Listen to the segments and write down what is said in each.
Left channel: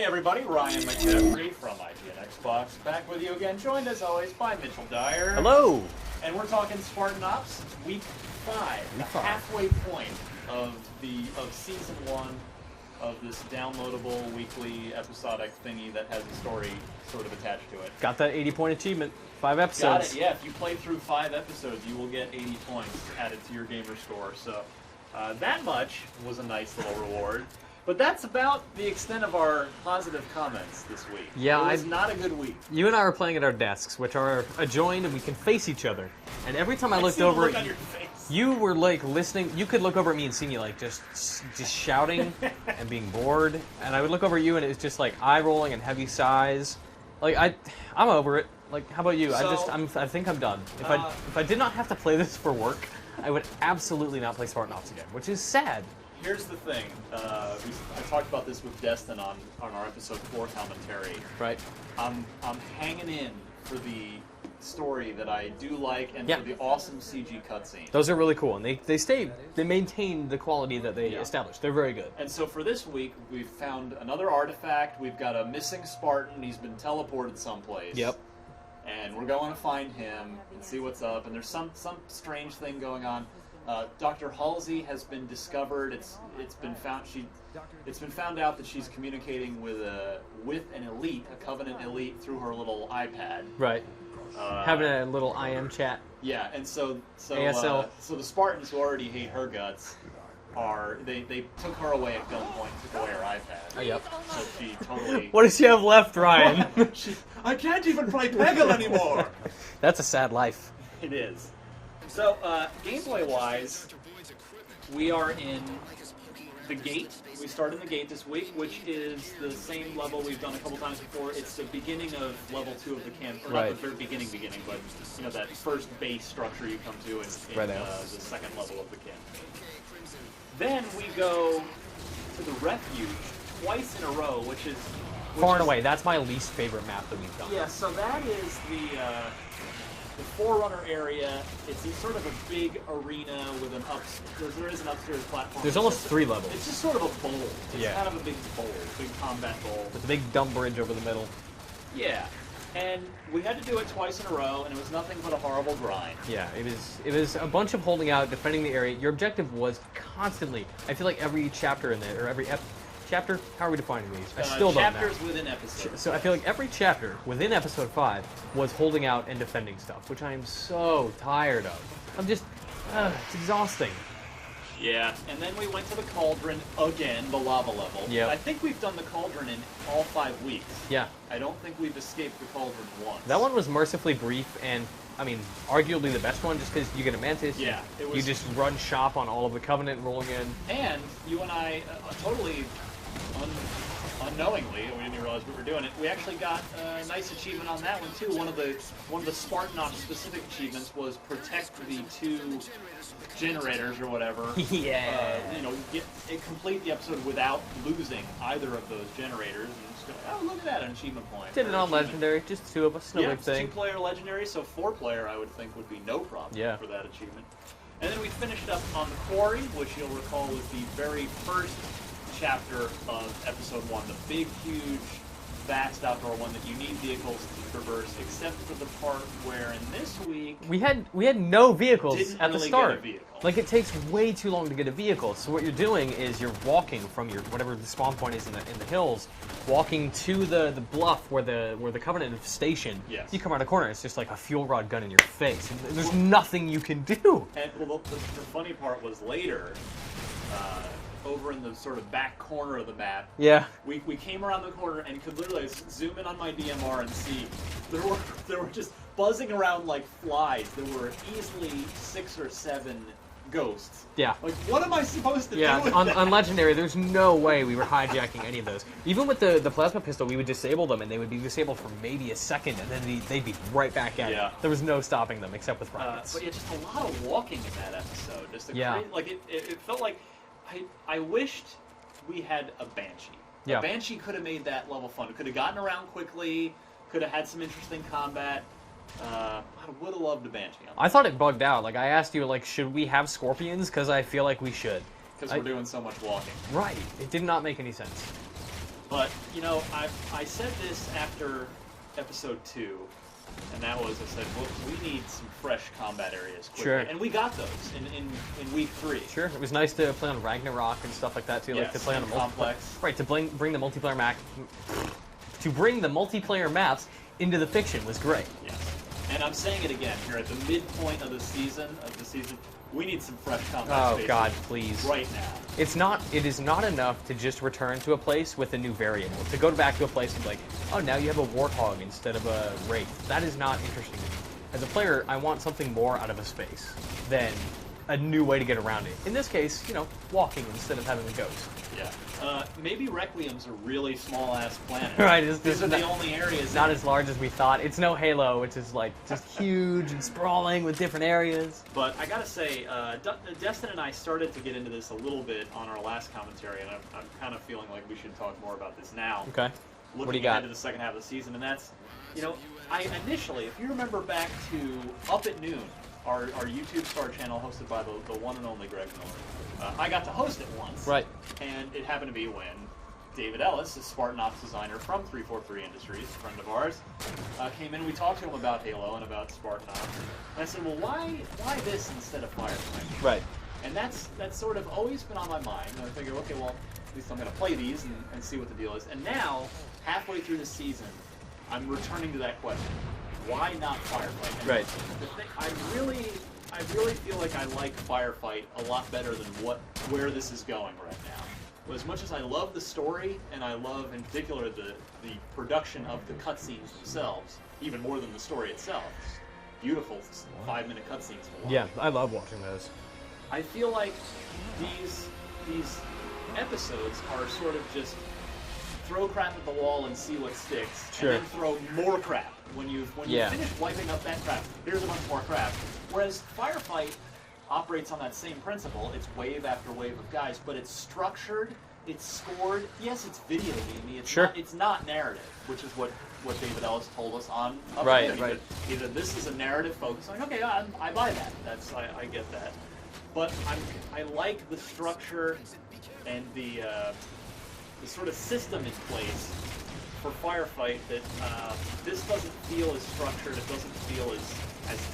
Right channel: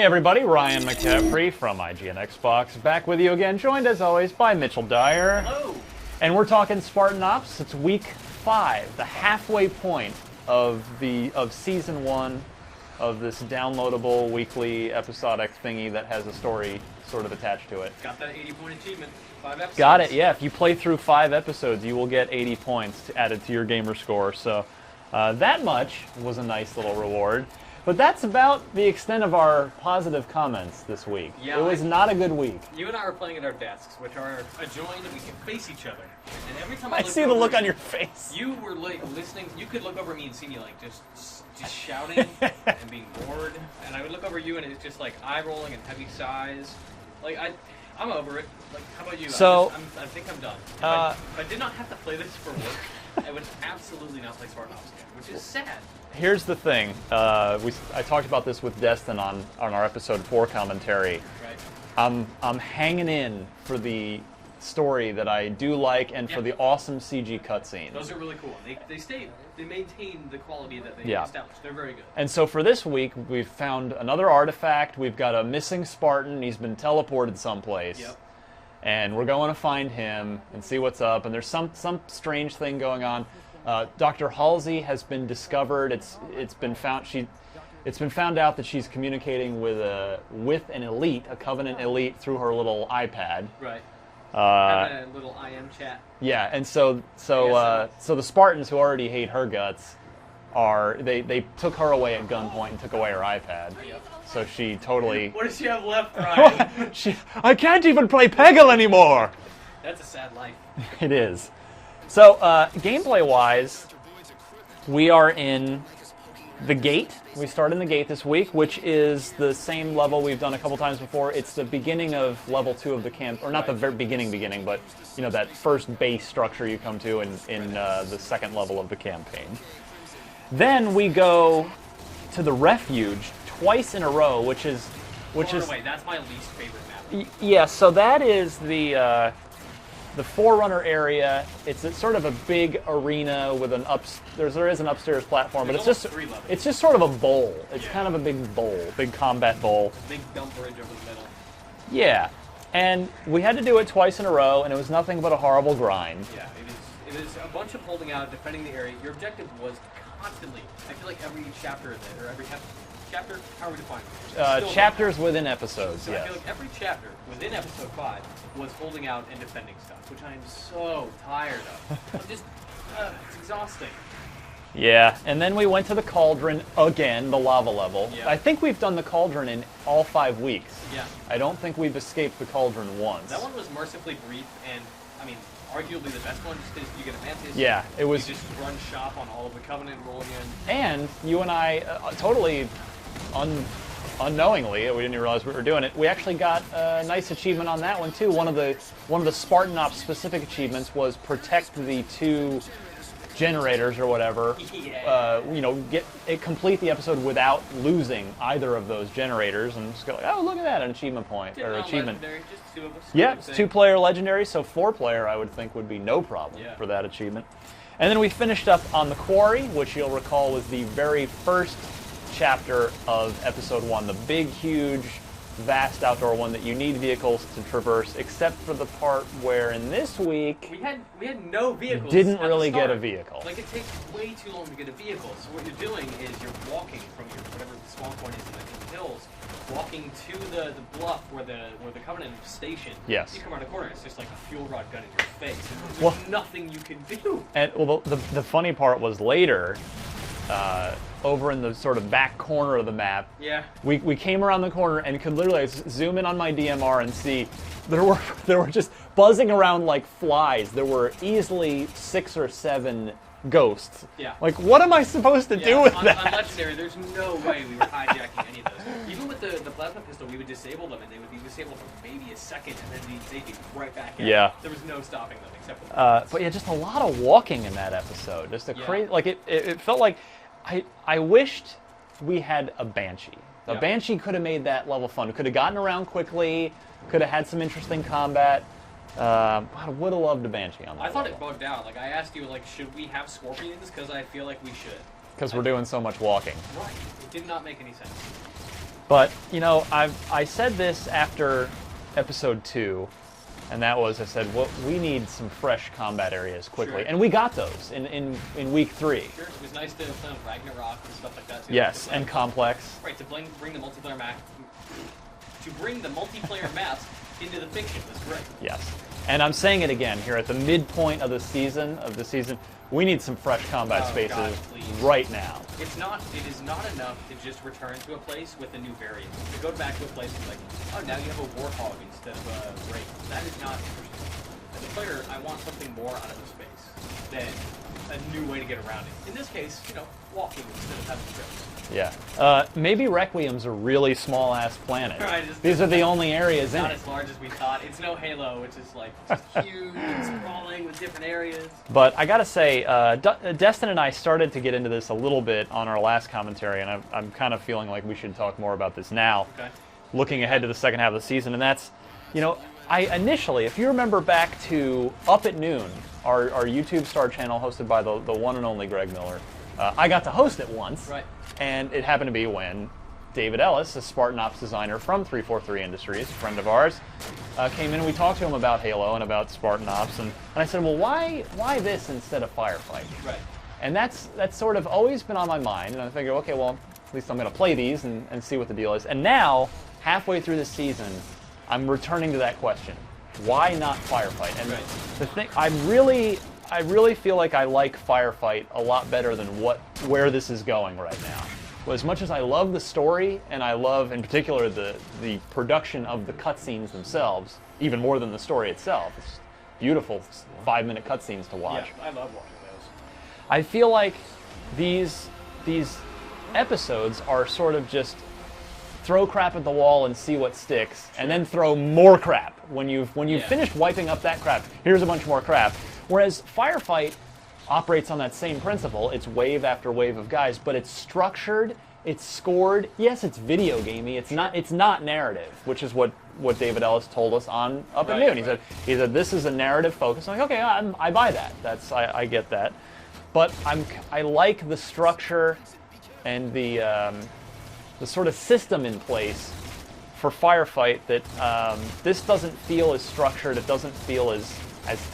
Hey everybody, Ryan McCaffrey from IGN Xbox, back with you again, joined as always by Mitchell Dyer. Hello! And we're talking Spartan Ops. It's week 5, the halfway point of season 1 of this downloadable weekly episodic thingy that has a story sort of attached to it. Got that 80-point achievement. 5 episodes. Got it, yeah. If you play through 5 episodes, you will get 80 points added to your gamer score. So that much was a nice little reward. But that's about the extent of our positive comments this week. Yeah, it was not a good week. You and I were playing at our desks, which are adjoined, and we can face each other. And every time I looked see over, the look on your face. You were like listening. You could look over at me and see me like just shouting and being bored. And I would look over at you, and it was just like eye rolling and heavy sighs. Like I'm over it. Like, how about you? So, I think I'm done. If I did not have to play this for work, I would absolutely not play Spartan Ops again, which is sad. Here's the thing. I talked about this with Destin on our episode 4 commentary. Right. I'm hanging in for the story that I do like and for the awesome CG cutscenes. Those are really cool, and they maintain the quality that they established. They're very good. And so for this week, we've found another artifact. We've got a missing Spartan. He's been teleported someplace. Yep. And we're going to find him and see what's up. And there's some strange thing going on. Dr. Halsey has been discovered. It's been found out that she's communicating with an elite, a Covenant elite, through her little iPad. Right. Having a little IM chat. Yeah, and so the Spartans, who already hate her guts, they took her away at gunpoint and took away her iPad. Yep. So she totally. What does she have left, Ryan? I can't even play Peggle anymore. That's a sad life. It is. So, gameplay-wise, we are in the gate. We start in the gate this week, which is the same level we've done a couple times before. It's the beginning of level 2 of the camp, or not the very beginning, but you know, that first base structure you come to in the second level of the campaign. Then we go to the refuge twice in a row, which is far and away. That's my least favorite map. Yeah, so that is the Forerunner area. It's sort of a big arena with there is an upstairs platform. There's but almost just 3 levels. It's just sort of a bowl. It's kind of a big bowl, big combat bowl. It's a big dumb bridge over the middle. Yeah, and we had to do it twice in a row, and it was nothing but a horrible grind. Yeah, it is a bunch of holding out, defending the area. Your objective was constantly. I feel like every chapter in there, or every chapter, how are we defining these? Chapters within episodes. So I feel like every chapter within episode 5 was holding out and defending stuff, which I am so tired of. I'm just, it's exhausting. Yeah, and then we went to the Cauldron again, the lava level. Yeah. I think we've done the Cauldron in all 5 weeks. Yeah. I don't think we've escaped the Cauldron once. That one was mercifully brief and, I mean, arguably the best one just because you get a mantis. Yeah, it was. You just run shop on all of the Covenant rolling in. And you and I, totally unknowingly, we didn't even realize we were doing it. We actually got a nice achievement on that one too. One of the Spartan Ops specific achievements was protect the 2 generators or whatever. Yeah. Complete the episode without losing either of those generators, and just go like, oh, look at that, an achievement point. Did it all legendary, just 2 of us. Yeah, it's 2-player legendary, so 4-player I would think would be no problem for that achievement. And then we finished up on the Quarry, which you'll recall was the very first chapter of episode 1, the big, huge, vast outdoor one that you need vehicles to traverse, except for the part where in this week we had no vehicles. Didn't at really the start. get a vehicle. Like, it takes way too long to get a vehicle. So what you're doing is you're walking from your whatever the spawn point is in the hills, walking to the bluff where the Covenant is stationed. Yes. You come around a corner, it's just like a fuel rod gun in your face. There's nothing you can do. And well, the funny part was later. Over in the sort of back corner of the map, we came around the corner and could literally zoom in on my DMR and see there were just buzzing around like flies. There were easily 6 or 7 ghosts. Yeah. Like, what am I supposed to do with that? On Legendary, there's no way we were hijacking any of those. Even with the plasma pistol, we would disable them, and they would be disabled for maybe a second, and then they'd be right back out. Yeah. There was no stopping them except with but yeah, just a lot of walking in that episode. Just it felt like I wished we had a Banshee. A Banshee could have made that level fun. Could have gotten around quickly. Could have had some interesting combat. I would have loved a Banshee on that. I thought it bugged out. Like, I asked you, like, should we have scorpions? Because I feel like we should. Because we're doing so much walking. Right. It did not make any sense. But, you know, I said this after episode 2, and that was, I said, well, we need some fresh combat areas quickly. Sure. And we got those in week 3. Sure. It was nice to play on Ragnarok and stuff like that, too. Yes, like to play and on Complex. Right, to bring the multiplayer maps into the fiction was great. Yes. And I'm saying it again here at the midpoint of the season, we need some fresh combat spaces God, please. right now. It is not enough to just return to a place with a new variant. To go back to a place and be like, oh, now you have a warthog instead of a wraith. That is not interesting. As a player, I want something more out of a space than a new way to get around it. In this case, you know, walking instead of having to go. Yeah. Maybe Requiem's a really small-ass planet. Right, These are the only areas. Not as large as we thought. It's no Halo, which is like just huge and sprawling with different areas. But I gotta say, Destin and I started to get into this a little bit on our last commentary, and I'm kind of feeling like we should talk more about this now. Okay. Looking ahead to the second half of the season, and that's, you know, I initially, if you remember back to Up at Noon, our YouTube Star channel hosted by the one and only Greg Miller, I got to host it once. Right. And it happened to be when David Ellis, a Spartan Ops designer from 343 Industries, a friend of ours, came in and we talked to him about Halo and about Spartan Ops. And I said, well, why this instead of Firefight? Right. And that's sort of always been on my mind. And I figure, okay, well, at least I'm going to play these and see what the deal is. And now, halfway through the season, I'm returning to that question. Why not Firefight? And right. The thing, I really feel like I like Firefight a lot better than where this is going right now. Well, as much as I love the story, and I love, in particular, the production of the cutscenes themselves, even more than the story itself. It's beautiful 5-minute cutscenes to watch. Yeah, I love watching those. I feel like these episodes are sort of just throw crap at the wall and see what sticks, Sure. and then throw more crap. When you've Yeah. finished wiping up that crap, here's a bunch more crap. Whereas Firefight operates on that same principle. It's wave after wave of guys, but it's structured, it's scored. Yes, it's video gamey. It's not narrative, which is what David Ellis told us on Up at Noon. He said this is a narrative focus. I'm like, okay, I buy that. I get that. But I like the structure and the sort of system in place for Firefight that this doesn't feel as structured. It doesn't feel as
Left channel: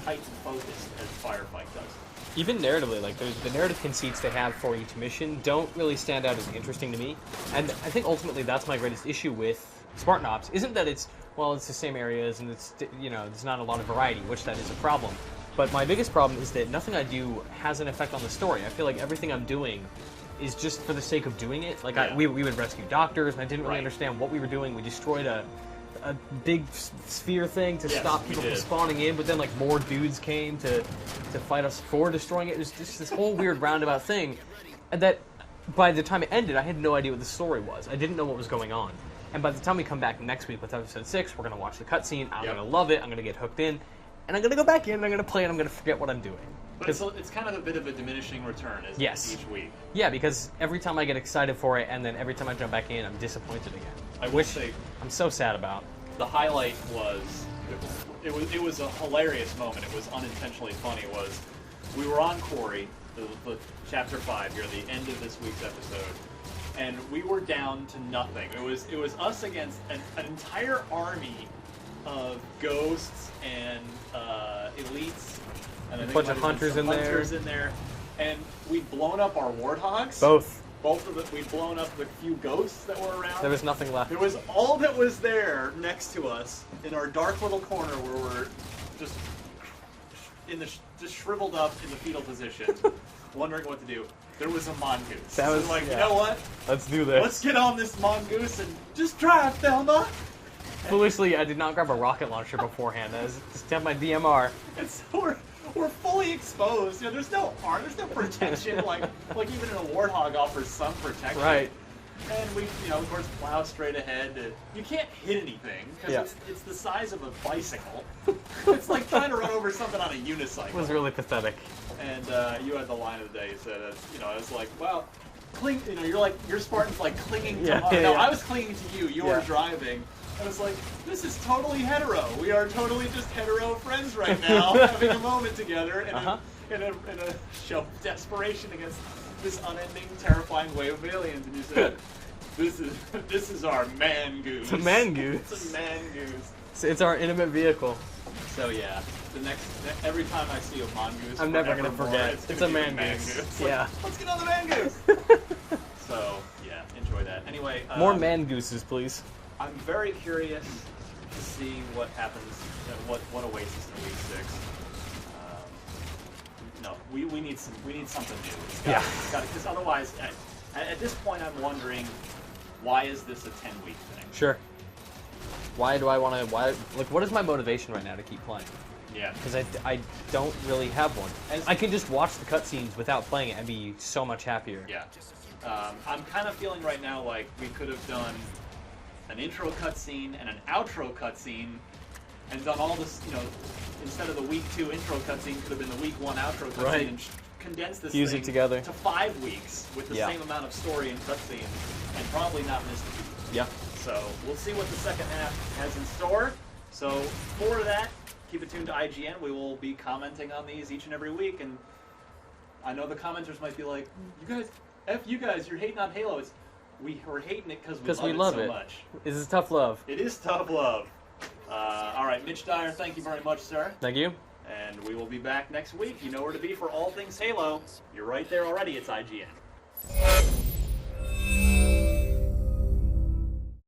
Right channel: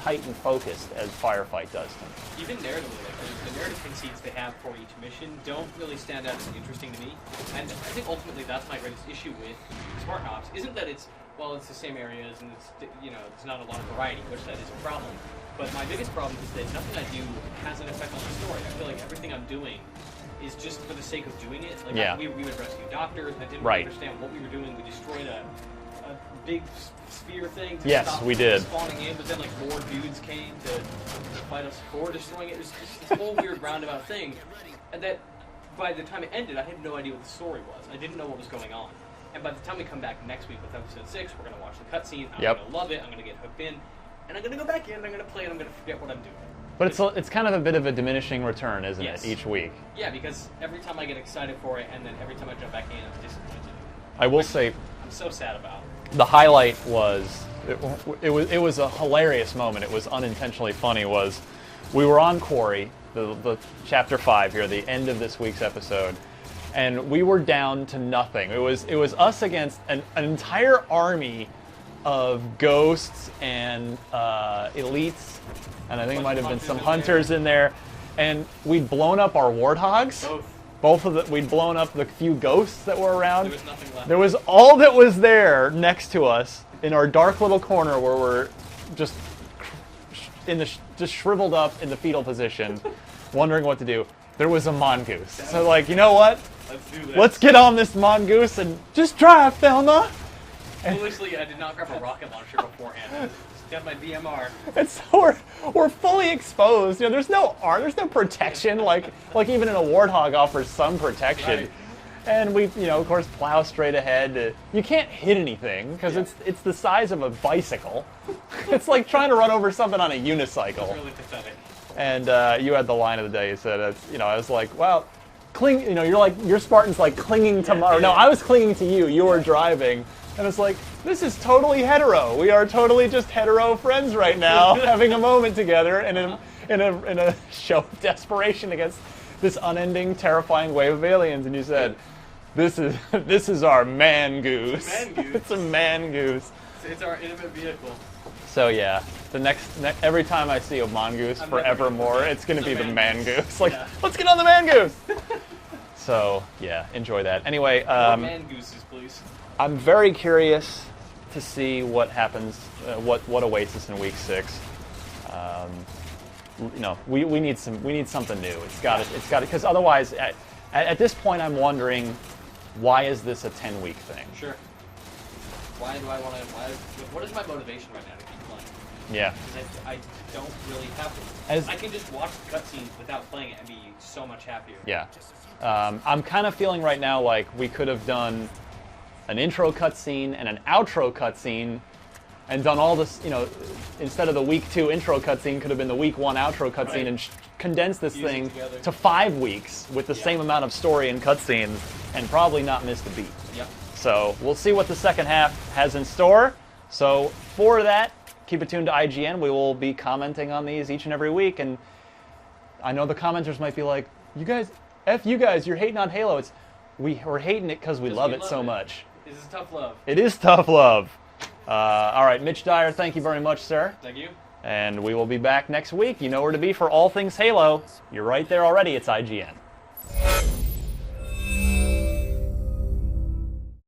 tight and focused as Firefight does to me. Even narratively, like the narrative conceits they have for each mission don't really stand out as interesting to me. And I think ultimately that's my greatest issue with Spartan Ops. Isn't that it's the same areas and it's there's not a lot of variety, which that is a problem. But my biggest problem is that nothing I do has an effect on the story. I feel like everything I'm doing is just for the sake of doing it. Like we would rescue doctors, and I didn't really understand what we were doing. We destroyed a big sphere thing to stop people spawning in, but then like more dudes came to fight us for destroying it. It was just this whole weird roundabout thing, and that by the time it ended, I had no idea what the story was. I didn't know what was going on. And by the time we come back next week with episode 6, we're gonna watch the cutscene. I'm gonna love it. I'm gonna get hooked in, and I'm gonna go back in. I'm gonna play, and I'm gonna forget what I'm doing. But it's kind of a bit of a diminishing return, isn't it, each week? Yeah, because every time I get excited for it, and then every time I jump back in, I'm disappointed again. I will say, I'm so sad about. The highlight was it was a hilarious moment. It was unintentionally funny. Was we were on Quarry, the chapter 5 here, the end of this week's episode, and we were down to nothing. It was us against an entire army of ghosts and elites, and I think might have been some hunters in there, and we'd blown up our warthogs. Both of them. We'd blown up the few ghosts that were around. There was nothing left. There was all that was there next to us in our dark little corner where we're just just shriveled up in the fetal position, wondering what to do. There was a mongoose. So like, you know what? Let's do this. Let's get on this mongoose and just drive, Thelma. Foolishly, I did not grab a rocket launcher beforehand. I just kept my DMR. And so we're fully exposed. You know, there's no arm, there's no protection. like even in a warthog offers some protection. Right. And we, of course, plow straight ahead. You can't hit anything because it's the size of a bicycle. It's like trying to run over something on a unicycle. It was really pathetic. And you had the line of the day. You said, I was like, well, your Spartan's like clinging to mine. No, I was clinging to you. You were driving. And it's like, this is totally hetero. We are totally just hetero friends right now, having a moment together in a show of desperation against this unending, terrifying wave of aliens. And you said, This is our man goose. It's a man goose. It's a man goose. It's our intimate vehicle. So yeah, every time I see a mongoose I'm never gonna forevermore, forget. it's going to It's be a the man man goose. goose. Like, Yeah. let's get on the man goose. So yeah, enjoy that. Anyway, More man gooses, please. I'm very curious to see what happens, what awaits us in week 6. We need something new. It's got because otherwise, at this point, I'm wondering, why is this a 10-week thing? Sure. Why do I want to? Like, what is my motivation right now to keep playing? Yeah. Because I don't really have one. I can just watch the cutscenes without playing it and be so much happier. Yeah. I'm kind of feeling right now like we could have done an intro cutscene and an outro cutscene and done all this, instead of the week 2 intro cutscene, could have been the week 1 outro cutscene Right. and condense this Fuse it thing together. to 5 weeks with the Yeah. same amount of story and cutscenes and probably not miss the beat. Yep. So we'll see what the second half has in store. So for that, keep it tuned to IGN. We will be commenting on these each and every week. And I know the commenters might be like, you guys, F you guys, you're hating on Halo. We're hating it because we love it so much. This is tough love. It is tough love. All right, Mitch Dyer, thank you very much, sir. Thank you. And we will be back next week. You know where to be for all things Halo. You're right there already. It's IGN.